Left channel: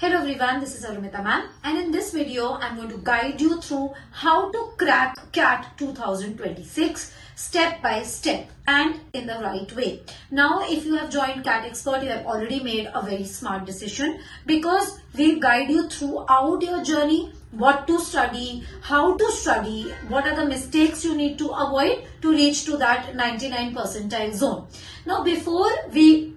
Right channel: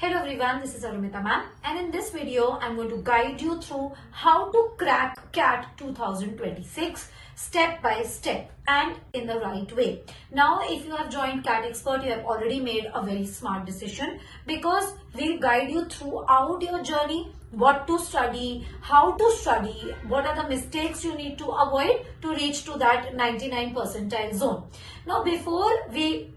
Hello everyone, this is Arumita ma'am, and in this video I'm going to guide you through how to crack CAT 2026 step by step and in the right way. Now if you have joined KATExpert, you have already made a very smart decision because we guide you throughout your journey, what to study, how to study, what are the mistakes you need to avoid to reach to that 99 percentile zone. Now before we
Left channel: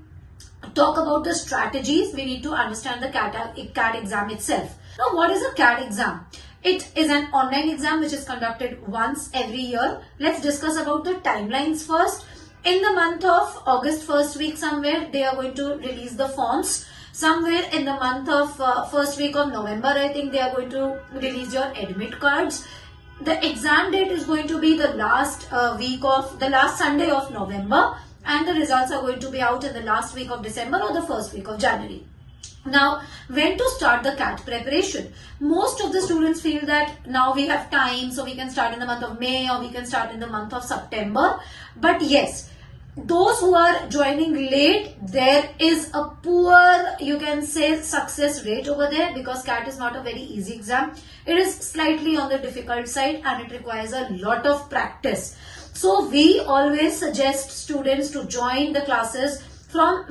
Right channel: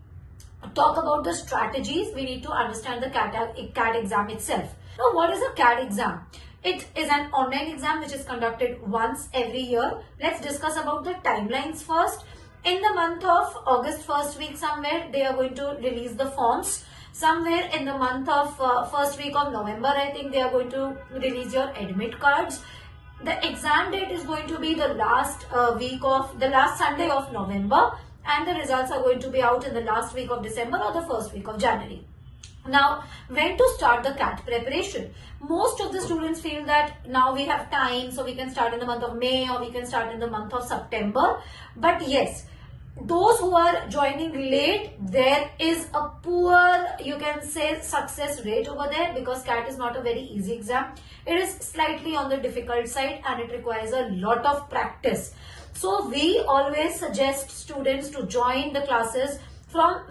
talk about the strategies, we need to understand the CAT exam itself. Now, what is a CAT exam? It is an online exam which is conducted once every year. Let's discuss about the timelines first. In the month of August, first week somewhere, they are going to release the forms. Somewhere in the month of first week of November, I think they are going to release your admit cards. The exam date is going to be the last Sunday of November, and the results are going to be out in the last week of December or the first week of January. Now, when to start the CAT preparation? Most of the students feel that now we have time, so we can start in the month of May or we can start in the month of September. But yes, those who are joining late, there is a poor, you can say, success rate over there because CAT is not a very easy exam. It is slightly on the difficult side and it requires a lot of practice. So we always suggest students to join the classes from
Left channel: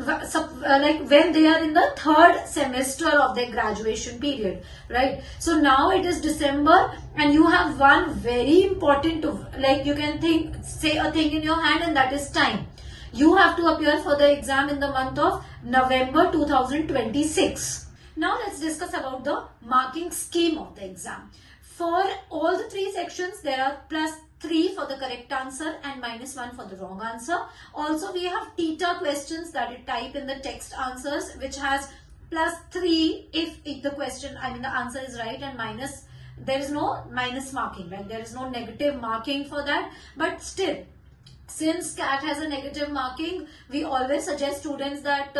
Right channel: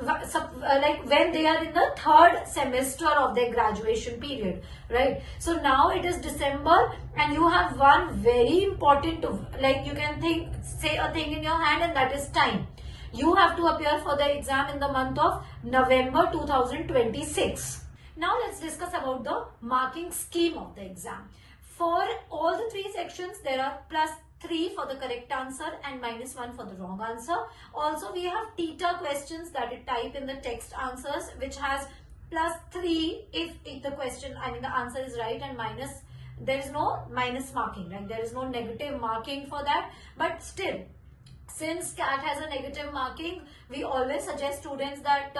like when they are in the third semester of their graduation period, right? So now it is December and you have one very important, like you can say a thing in your hand, and that is time. You have to appear for the exam in the month of November 2026. Now let's discuss about the marking scheme of the exam. For all the three sections, there are +3 for the correct answer and -1 for the wrong answer. Also, we have theta questions that you type in the text answers, which has +3 if the question, the answer is right, and there is no minus marking, right? There is no negative marking for that. But still, since CAT has a negative marking, we always suggest students that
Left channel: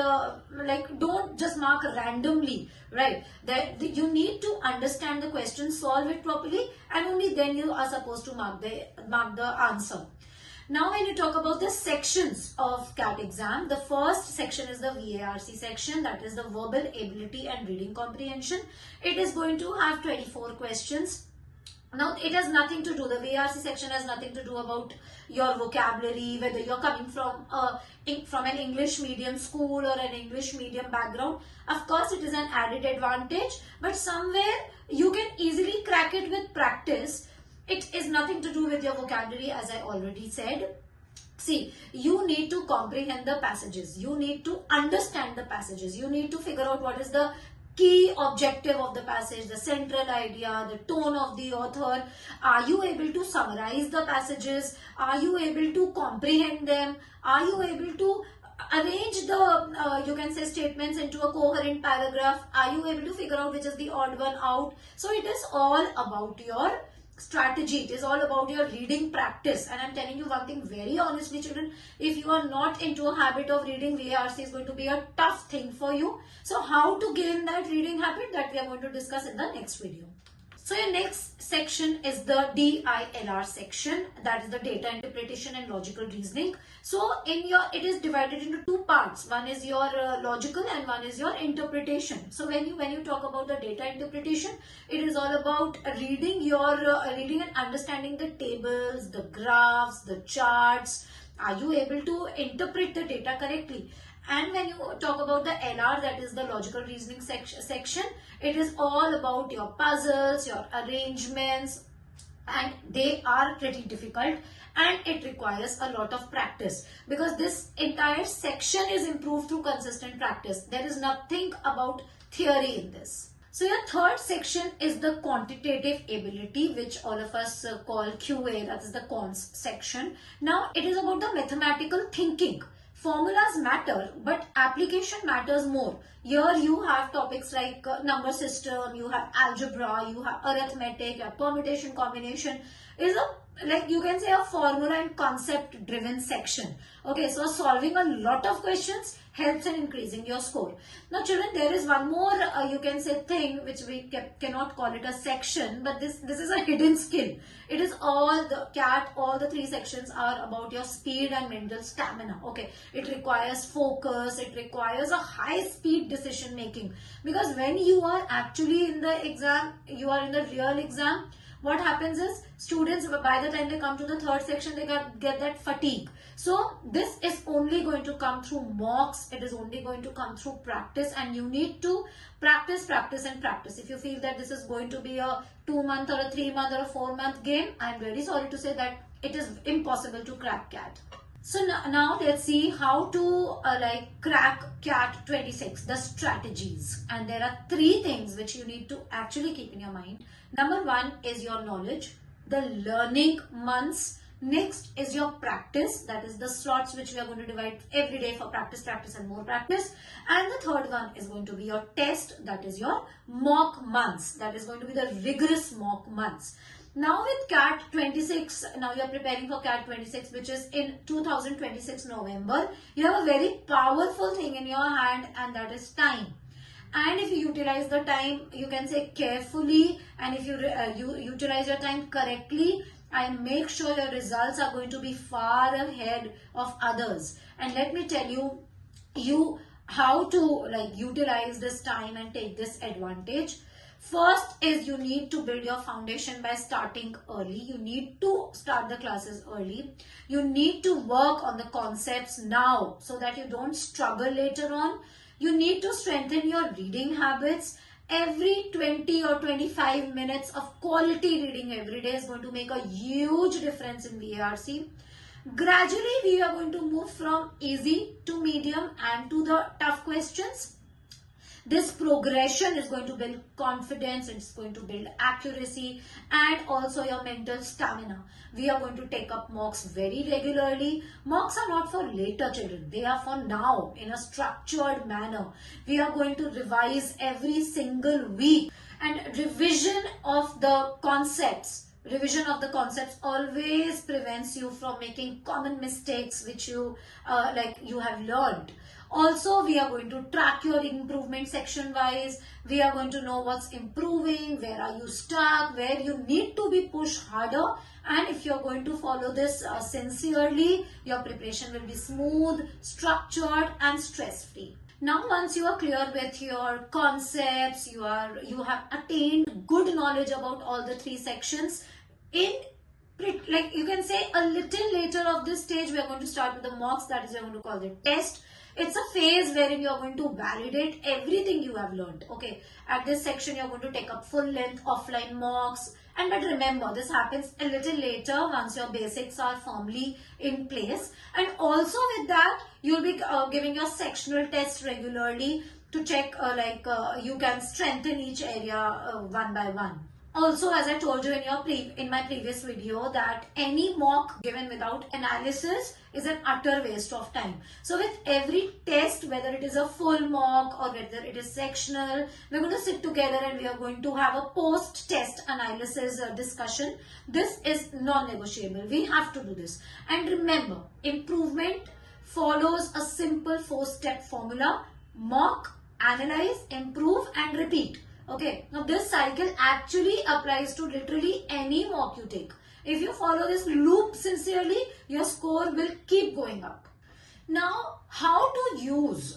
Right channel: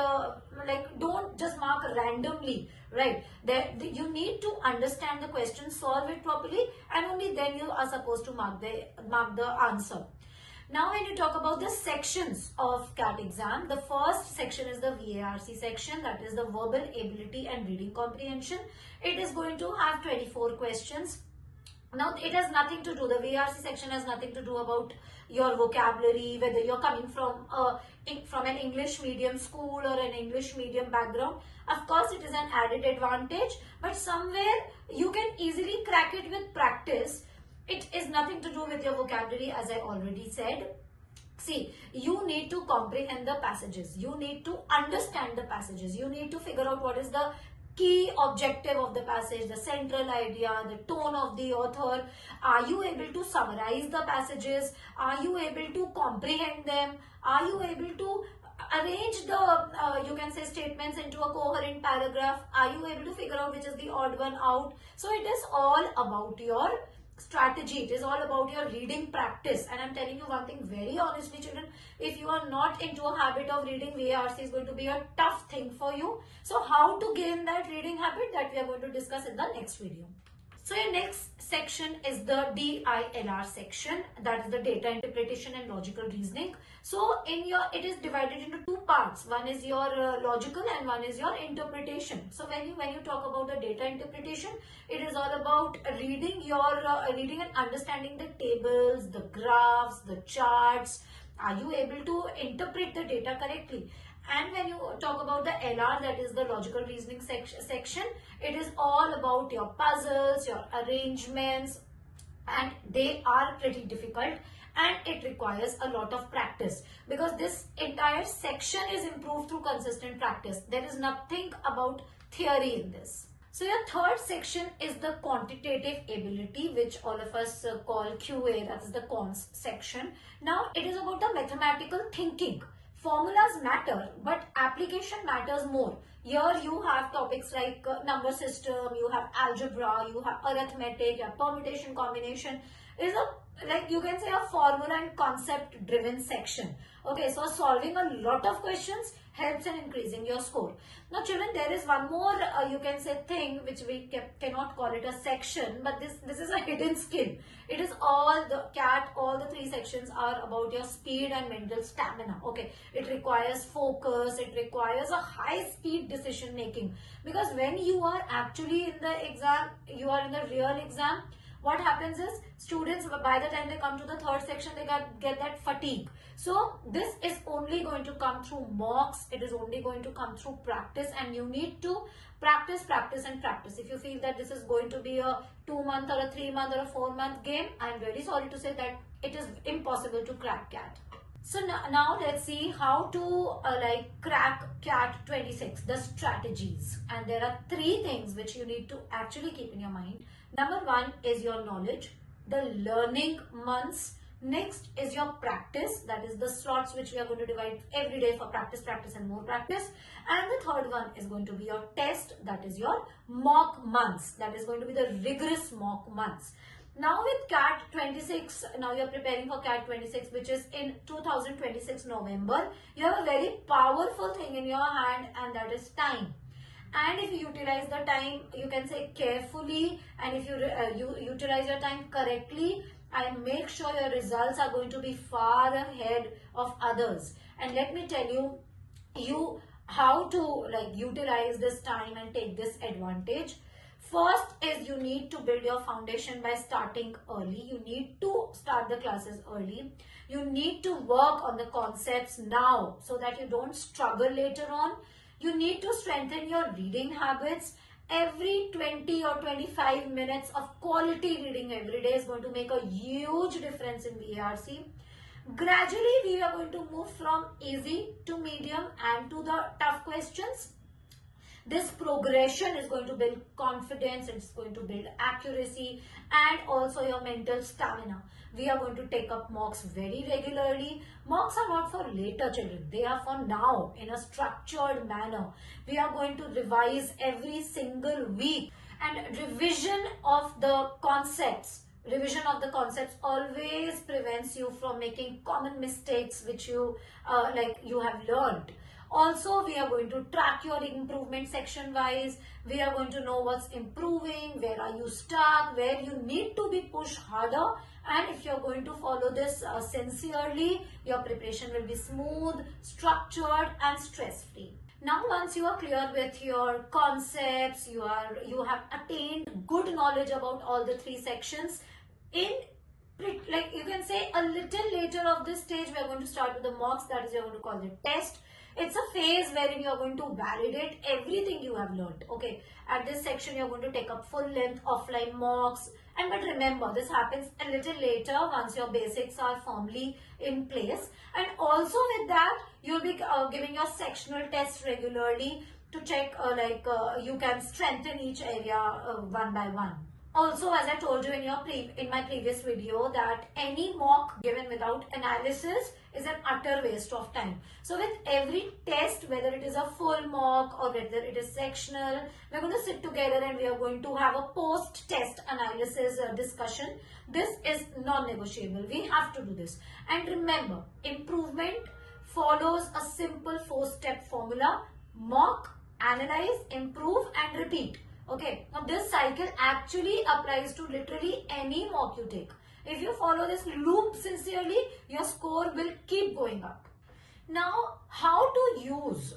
don't just mark randomly, right? That you need to understand the question, solve it properly, and only then you are supposed to mark the answer. Now, when you talk about the sections of CAT exam, the first section is the VARC section, that is the verbal ability and reading comprehension. It is going to have 24 questions. Now, it has nothing to do, the VARC section has nothing to do about your vocabulary, whether you're coming from an English medium school or an English medium background. Of course, it is an added advantage, but somewhere you can easily crack it with practice. It is nothing to do with your vocabulary, as I already said. See, you need to comprehend the passages. You need to understand the passages. You need to figure out what is the key objective of the passage, the central idea, the tone of the author. Are you able to summarize the passages? Are you able to comprehend them? Are you able to arrange the, you can say, statements into a coherent paragraph? Are you able to figure out which is the odd one out? So it is all about your strategy. It is all about your reading practice, and I'm telling you one thing very honestly, children, if you are not into a habit of reading, VARC is going to be a tough thing for you. So how to gain that reading habit, that we are going to discuss in the next video. So your next section is the DILR section, that is the data interpretation and logical reasoning. So it is divided into two parts. One is your logical and one is your interpretation. So when you talk about the data interpretation, it is all about reading and understanding the tables, the graphs, the charts. Are you able to interpret the data correctly? And when you talk about the LR, that is the logical reasoning section, it is all about your puzzles, your arrangements, and they are pretty difficult and it requires a lot of practice because this entire section is improved through consistent practice. There is nothing about theory in this. So your third section is the quantitative ability, which all of us call QA, that is the cons section. Now it is about the mathematical thinking. Formulas matter, but application matters more. Here you have topics like number system, you have algebra, you have arithmetic, you have permutation, combination. is a, like you can say, a formula and concept driven section. Okay, so solving a lot of questions helps in increasing your score. Now children, there is one more you can say thing which we cannot call it a section, but this is a hidden skill. It is all the CAT, all the 3 sections are about your speed and mental stamina. Okay, it requires focus, it requires a high speed decision making, because when you are actually in the exam, you are in the real exam, what happens is students, by the time they come to the 3rd section, they get that fatigue. So this is only going to come through mocks. It is only going to come through practice, and you need to practice, practice and practice. If you feel that this is going to be a 2-month or a 3-month or a 4-month game, I am very sorry to say that it is impossible to crack CAT. So now let's see how to crack CAT 26, the strategies. And there are 3 things which you need to actually keep in your mind. Number 1 is your knowledge, the learning months. Next is your practice, that is the slots which we are going to divide every day for practice, practice and more practice. And the 3rd one is going to be your test, that is your mock months. That is going to be the rigorous mock months. Now with CAT 26, now you are preparing for CAT 26, which is in 2026 November. You have a very powerful thing in your hand, and that is time. And if you utilize the time, you can say carefully, and if you utilize your time correctly, I make sure your results are going to be far ahead of others. And let me tell you how to utilize this time and take this advantage. First is you need to build your foundation by starting early. You need to start the classes early. You need to work on the concepts now so that you don't struggle later on. You need to strengthen your reading habits. Every 20 or 25 minutes of quality reading every day is going to make a huge difference in VARC. Gradually, we are going to move from easy to medium and to the tough questions. This progression is going to build confidence, it's going to build accuracy and also your mental stamina. We are going to take up mocks very regularly. Mocks are not for later children, they are for now in a structured manner. We are going to revise every single week, and revision of the concepts always prevents you from making common mistakes which you have learned. Also, we are going to track your improvement section wise. We are going to know what's improving, where are you stuck, where you need to be pushed harder. And if you're going to follow this sincerely, your preparation will be smooth, structured and stress-free. Now, once you are clear with your concepts, you have attained good knowledge about all the 3 sections. You can say a little later of this stage, we are going to start with the mocks, that is, you're going to call it test. It's a phase wherein you're going to validate everything you have learned. Okay, at this section, you're going to take up full length offline mocks. But remember, this happens a little later once your basics are firmly in place. And also with that, you'll be giving your sectional tests regularly to check you can strengthen each area one by one. Also, as I told you in my previous video, that any mock given without analysis is an utter waste of time. So with every test, whether it is a full mock or whether it is sectional, we're going to sit together and we are going to have a post-test analysis discussion. This is non-negotiable. We have to do this. And remember, improvement follows a simple 4-step formula: mock, analyze, improve and repeat. Okay, now this cycle actually applies to literally any mock you take. If you follow this loop sincerely, your score will keep going up. Now, how to use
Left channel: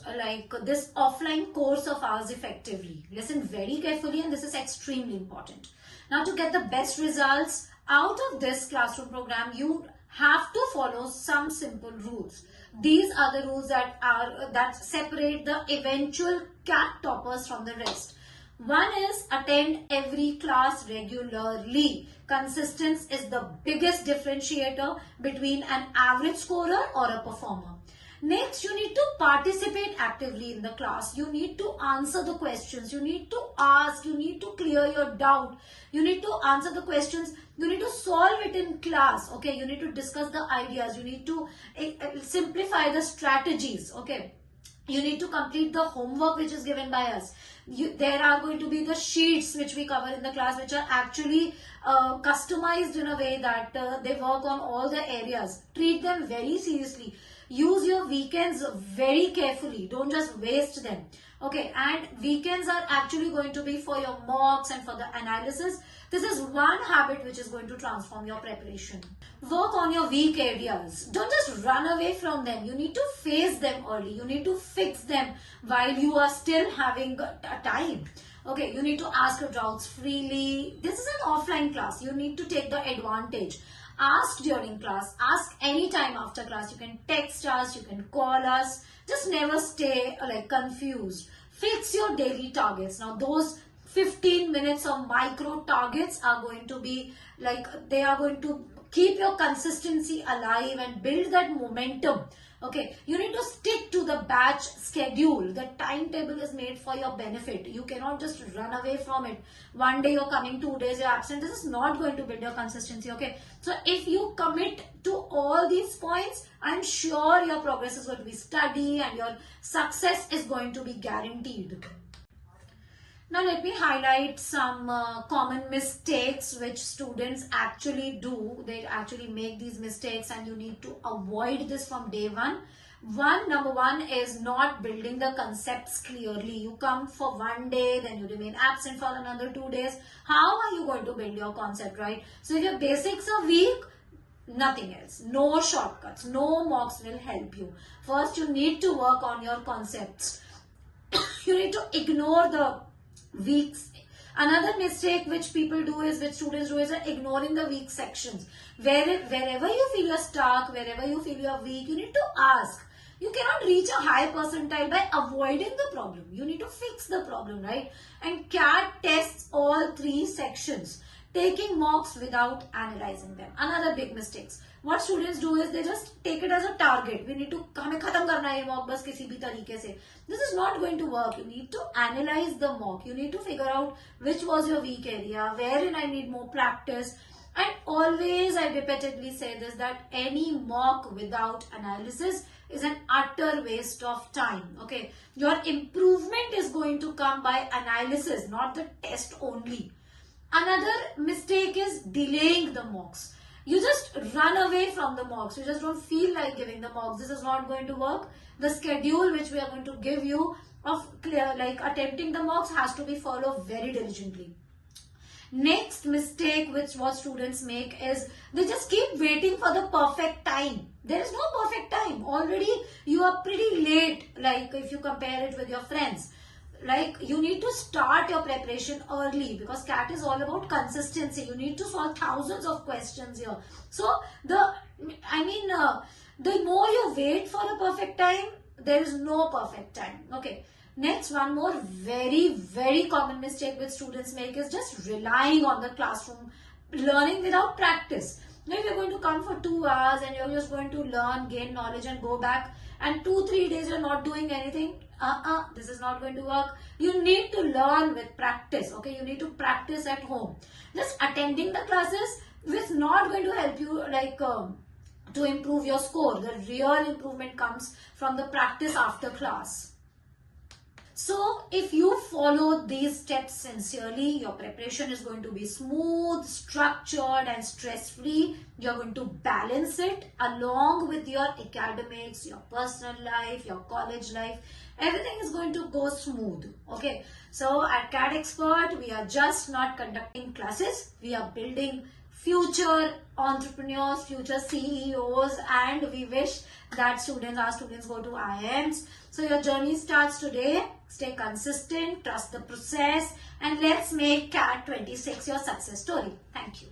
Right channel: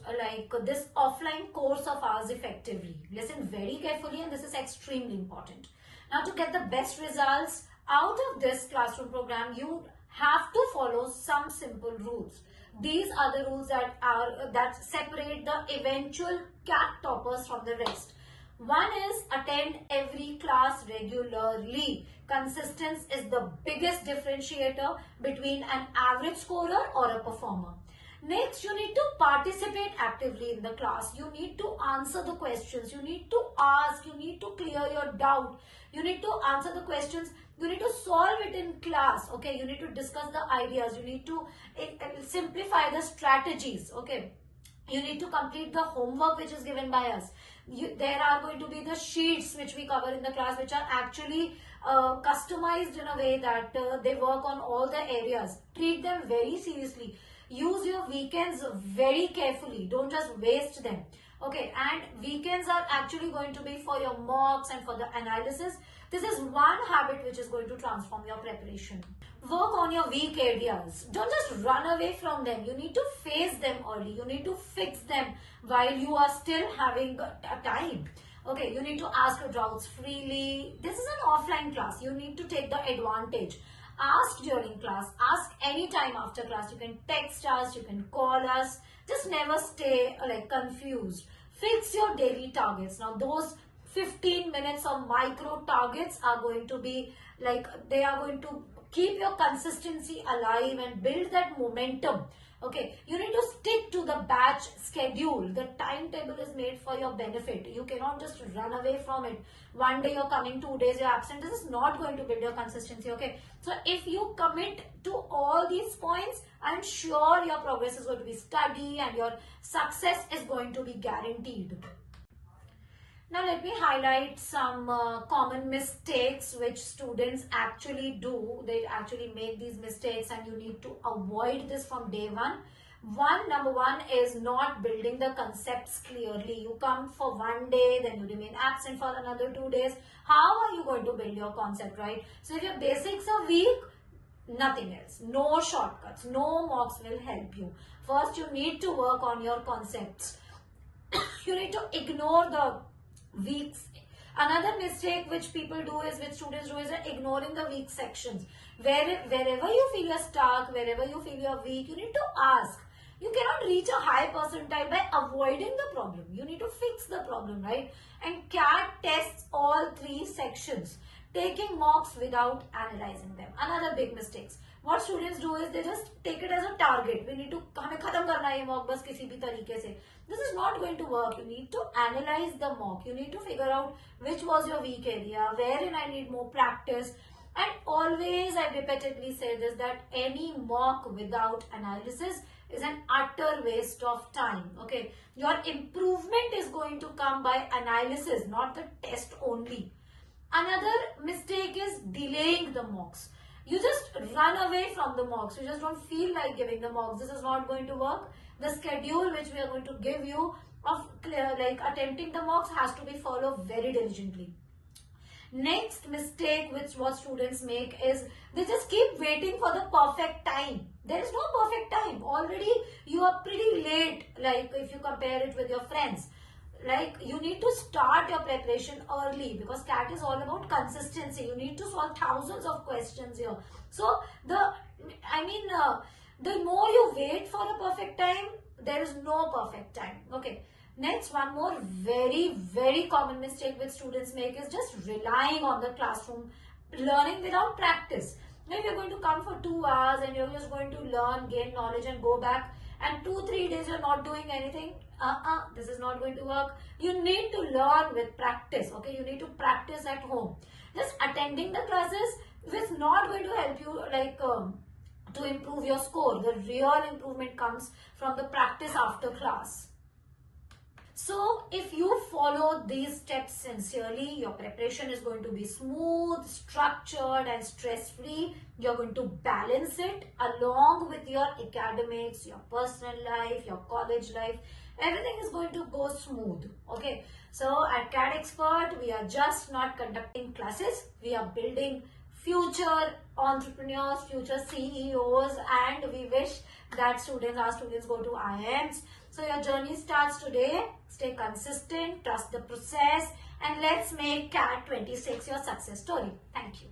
this offline course of ours effectively? Listen very carefully, and this is extremely important. Now, to get the best results out of this classroom program, you have to follow some simple rules. These are the rules that separate the eventual CAT toppers from the rest. One is attend every class regularly. Consistency is the biggest differentiator between an average scorer or a performer. Next, you need to participate actively in the class. You need to answer the questions. You need to ask. You need to clear your doubt. You need to answer the questions. You need to solve it in class. Okay, you need to discuss the ideas. You need to simplify the strategies. Okay. You need to complete the homework which is given by us. There are going to be the sheets which we cover in the class, which are actually customized in a way that they work on all the areas. Treat them very seriously. Use your weekends very carefully. Don't just waste them. Okay, and weekends are actually going to be for your mocks and for the analysis. This is one habit which is going to transform your preparation. Work on your weak areas. Don't just run away from them. You need to face them early. You need to fix them while you are still having a time. Okay, you need to ask your doubts freely. This is an offline class. You need to take the advantage. Ask during class. Ask anytime after class. You can text us. You can call us. Just never stay confused. Fix your daily targets. Now those 15 minutes of micro targets are going to be they are going to keep your consistency alive and build that momentum. Okay, you need to stick to the batch schedule. The timetable is made for your benefit. You cannot just run away from it. One day you're coming, 2 days you're absent. This is not going to build your consistency. Okay, so if you commit to all these points, I'm sure your progress is going to be steady and your success is going to be guaranteed. Now let me highlight some common mistakes which students actually do. They actually make these mistakes and you need to avoid this from day one. Number one is not building the concepts clearly. You come for one day, then you remain absent for another 2 days. How are you going to build your concept, right? So if your basics are weak, nothing else. No shortcuts, no mocks will help you. First, you need to work on your concepts. You need to ignore the weeks. Another mistake which students do is ignoring the weak sections. Wherever you feel you're stuck, wherever you feel you're weak, you need to ask. You cannot reach a high percentile by avoiding the problem. You need to fix the problem, right? And CAT tests all 3 sections, taking mocks without analyzing them. Another big mistake. What students do is they just take it as a target. We need to hame khatam karna hai mock bas kisi bhi tarike se. This is not going to work. You need to analyze the mock. You need to figure out which was your weak area, wherein I need more practice. And always I repeatedly say this, that any mock without analysis is an utter waste of time. Okay, your improvement is going to come by analysis, not the test only. Another mistake is delaying the mocks. You just run away from the mocks. You just don't feel like giving the mocks. This is not going to work. The schedule which we are going to give you of attempting the mocks has to be followed very diligently. Next mistake which what students make is they just keep waiting for the perfect time. There is no perfect time. Already you are pretty late, if you compare it with your friends. You need to start your preparation early, because CAT is all about consistency. You need to solve thousands of questions here. So the more you wait for a perfect time, there is no perfect time. Okay. Next, one more very, very common mistake which students make is just relying on the classroom, learning without practice. Now, if you're going to come for 2 hours and you're just going to learn, gain knowledge and go back, and 2-3 days you're not doing anything, this is not going to work. You need to learn with practice. Okay, you need to practice at home. Just attending the classes is not going to help you to improve your score. The real improvement comes from the practice after class. So if you follow these steps sincerely, your preparation is going to be smooth, structured and stress-free. You're going to balance it along with your academics, your personal life, your college life. Everything is going to go smooth. Okay. So at KATExpert, we are just not conducting classes. We are building future entrepreneurs, future CEOs, and we wish that our students go to IIMs. So your journey starts today. Stay consistent, trust the process, and let's make CAT 26 your success story. Thank you.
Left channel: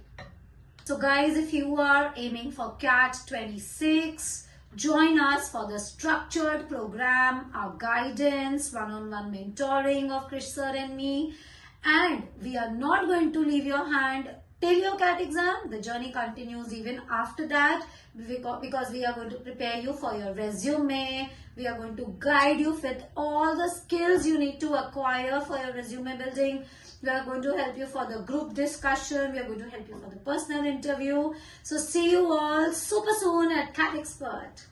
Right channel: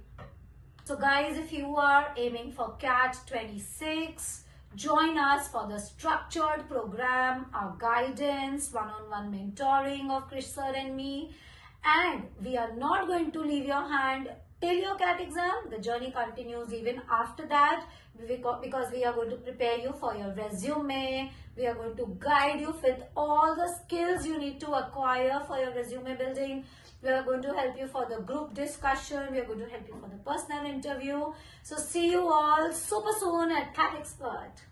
So guys, if you are aiming for CAT 26, join us for the structured program, our guidance, one-on-one mentoring of Krish sir and me. And we are not going to leave your hand till your CAT exam. The journey continues even after that, because we are going to prepare you for your resume. We are going to guide you with all the skills you need to acquire for your resume building. We are going to help you for the group discussion. We are going to help you for the personal interview. So see you all super soon at KATExpert.